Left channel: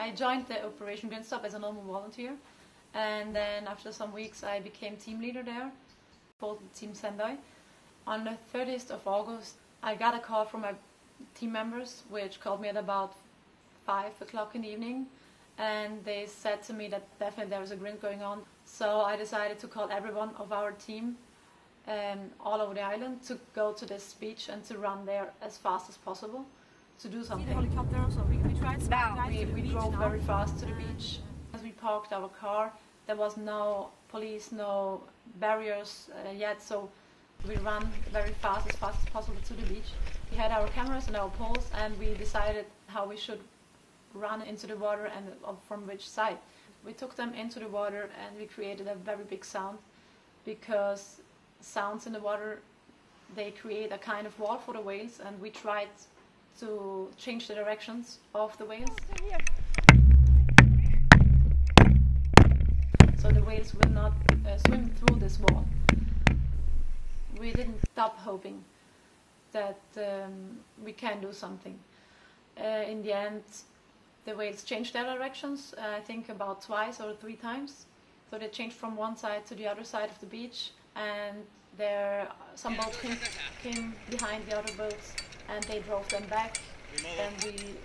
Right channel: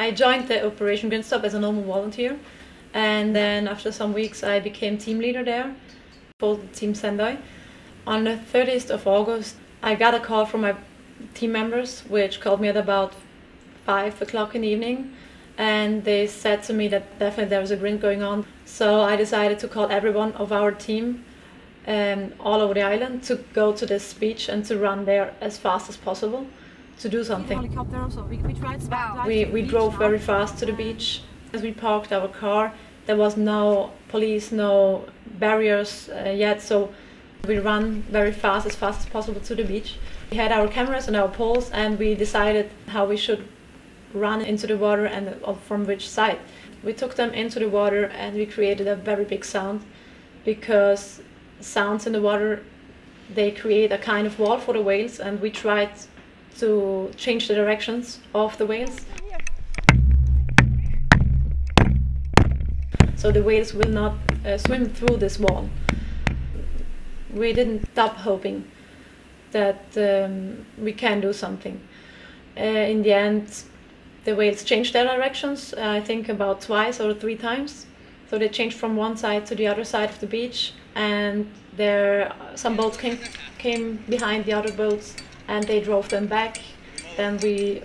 I joined the Operation Grindstop as a normal volunteer, and then after some weeks I became team leader there for Team Sendai. On the 30th of August I got a call from my team members, which called me at about 5 o'clock in the evening, and they said to me that definitely there was a grind going on. So I decided to call everyone of our team all over the island to go to this beach and to run there as fast as possible to do something. We drove very fast to the beach. As we parked our car, there was no police, no barriers yet, so we ran very fast as possible to the beach. We had our cameras and our poles, and we decided how we should run into the water and from which side. We took them into the water and we created a very big sound, because sounds in the water, they create a kind of wall for the whales, and we tried to change the directions of the whales. So the whales will not swim through this wall. We didn't stop hoping that we can do something. In the end, the whales changed their directions, I think about twice or 3 times. So they changed from one side to the other side of the beach, and some boats came behind the other boats and they drove them back. Then we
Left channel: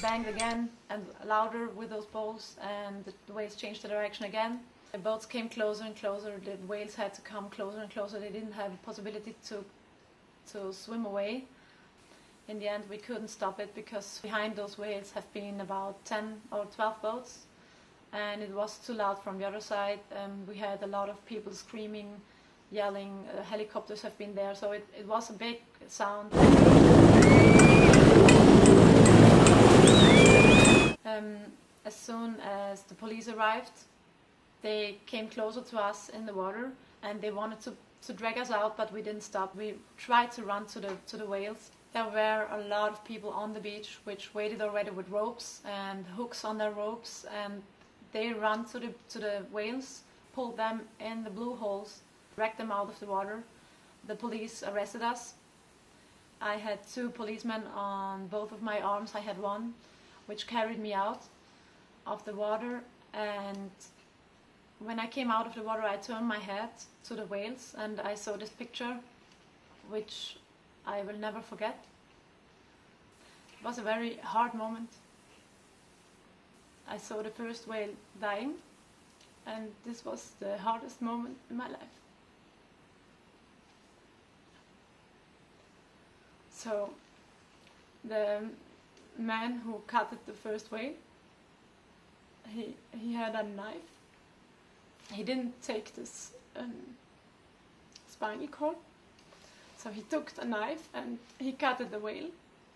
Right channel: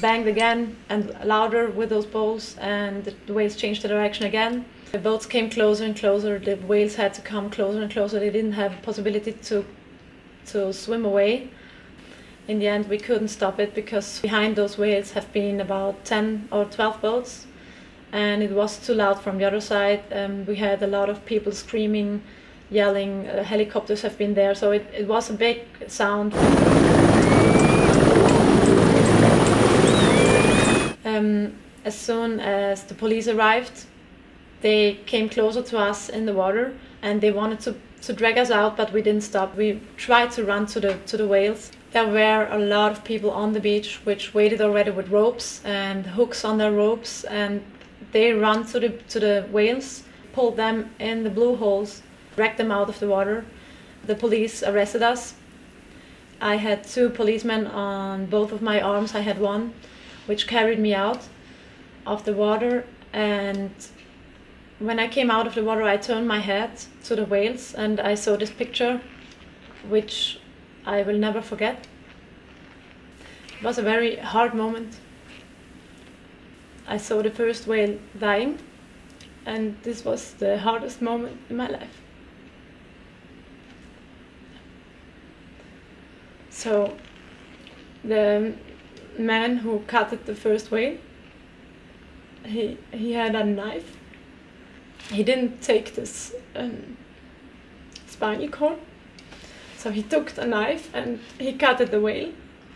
banged again and louder with those poles, and the whales changed the direction again. The boats came closer and closer, the whales had to come closer and closer. They didn't have a possibility to swim away. In the end we couldn't stop it, because behind those whales have been about 10 or 12 boats, and it was too loud from the other side. We had a lot of people screaming, yelling, helicopters have been there, so it was a big sound. As soon as the police arrived, they came closer to us in the water and they wanted to drag us out, but we didn't stop. We tried to run to the whales. There were a lot of people on the beach which waited already with ropes and hooks on their ropes, and they ran to the whales, pulled them in the blue holes, dragged them out of the water. The police arrested us. I had 2 policemen on both of my arms. I had one which carried me out of the water, and when I came out of the water I turned my head to the whales and I saw this picture which I will never forget. It was a very hard moment. I saw the first whale dying, and this was the hardest moment in my life. So the man who cut the first whale, he had a knife. He didn't take this spinal cord, so he took the knife and he cut the whale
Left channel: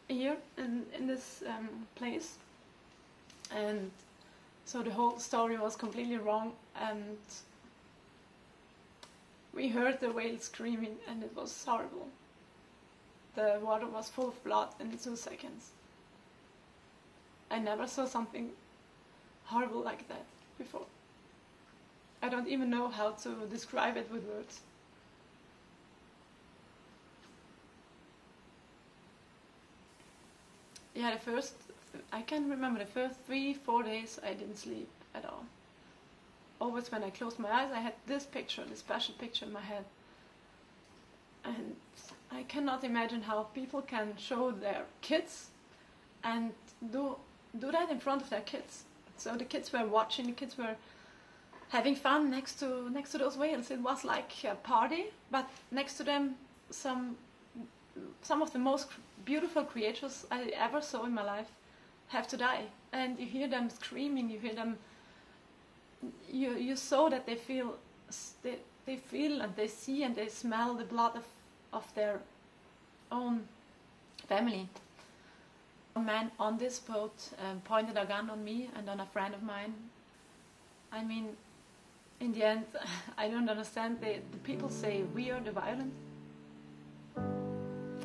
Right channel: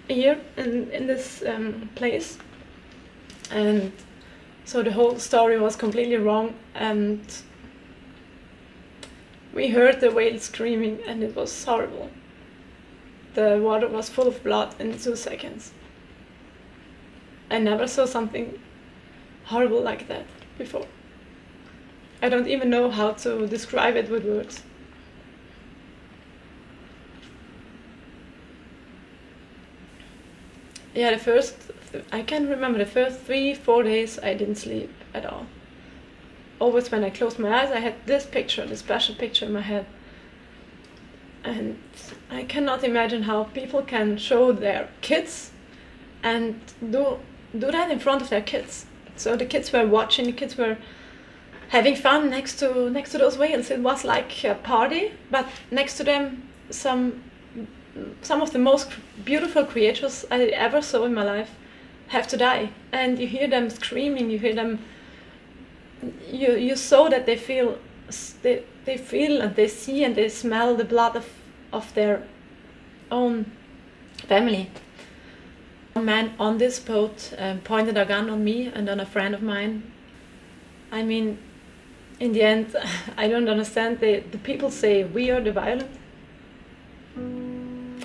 here in this place, and so the whole story was completely wrong, and we heard the whale screaming and it was horrible. The water was full of blood in 2 seconds. I never saw something horrible like that before. I don't even know how to describe it with words. Yeah, I can remember the first 3-4 days I didn't sleep at all. Always when I closed my eyes I had this picture, this special picture in my head. And I cannot imagine how people can show their kids and do that in front of their kids. So the kids were watching, the kids were having fun next to those whales. It was like a party, but next to them some of the most beautiful creatures I ever saw in my life have to die. And you hear them screaming, you hear them, you saw that they feel and they see and they smell the blood of their own family. A man on this boat pointed a gun on me and on a friend of mine. I mean, in the end, I don't understand. The people say we are the violent.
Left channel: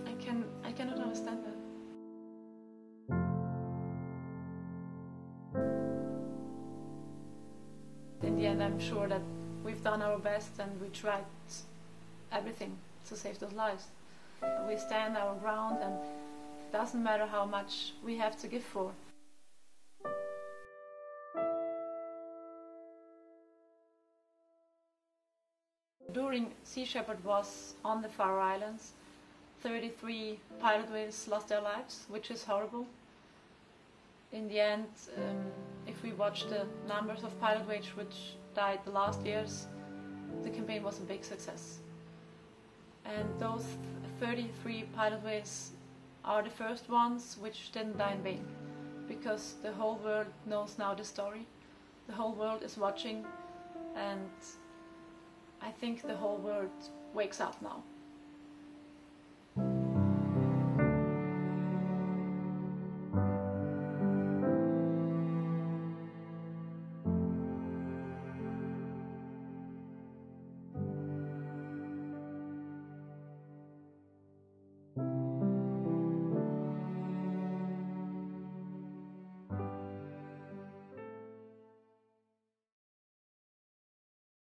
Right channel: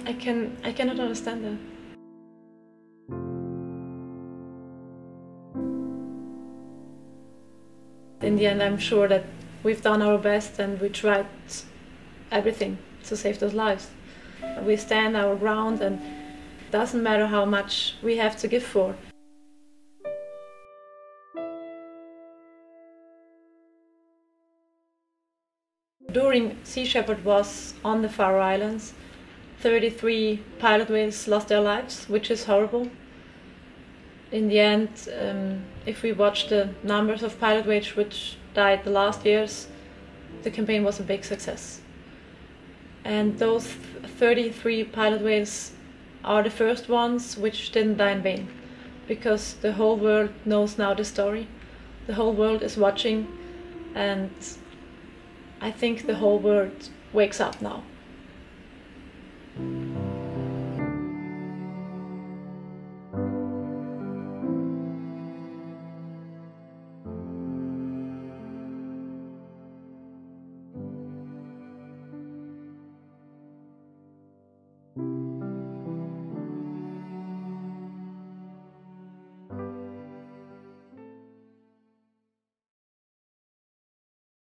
I cannot understand that. In the end, I'm sure that we've done our best and we tried everything to save those lives. We stand our ground, and it doesn't matter how much we have to give for. during Sea Shepherd was on the Faroe Islands, 33 pilot whales lost their lives, which is horrible. In the end, if we watch the numbers of pilot whales which died the last years, the campaign was a big success. And those 33 pilot whales are the first ones which didn't die in vain, because the whole world knows now the story. The whole world is watching, and I think the whole world wakes up now.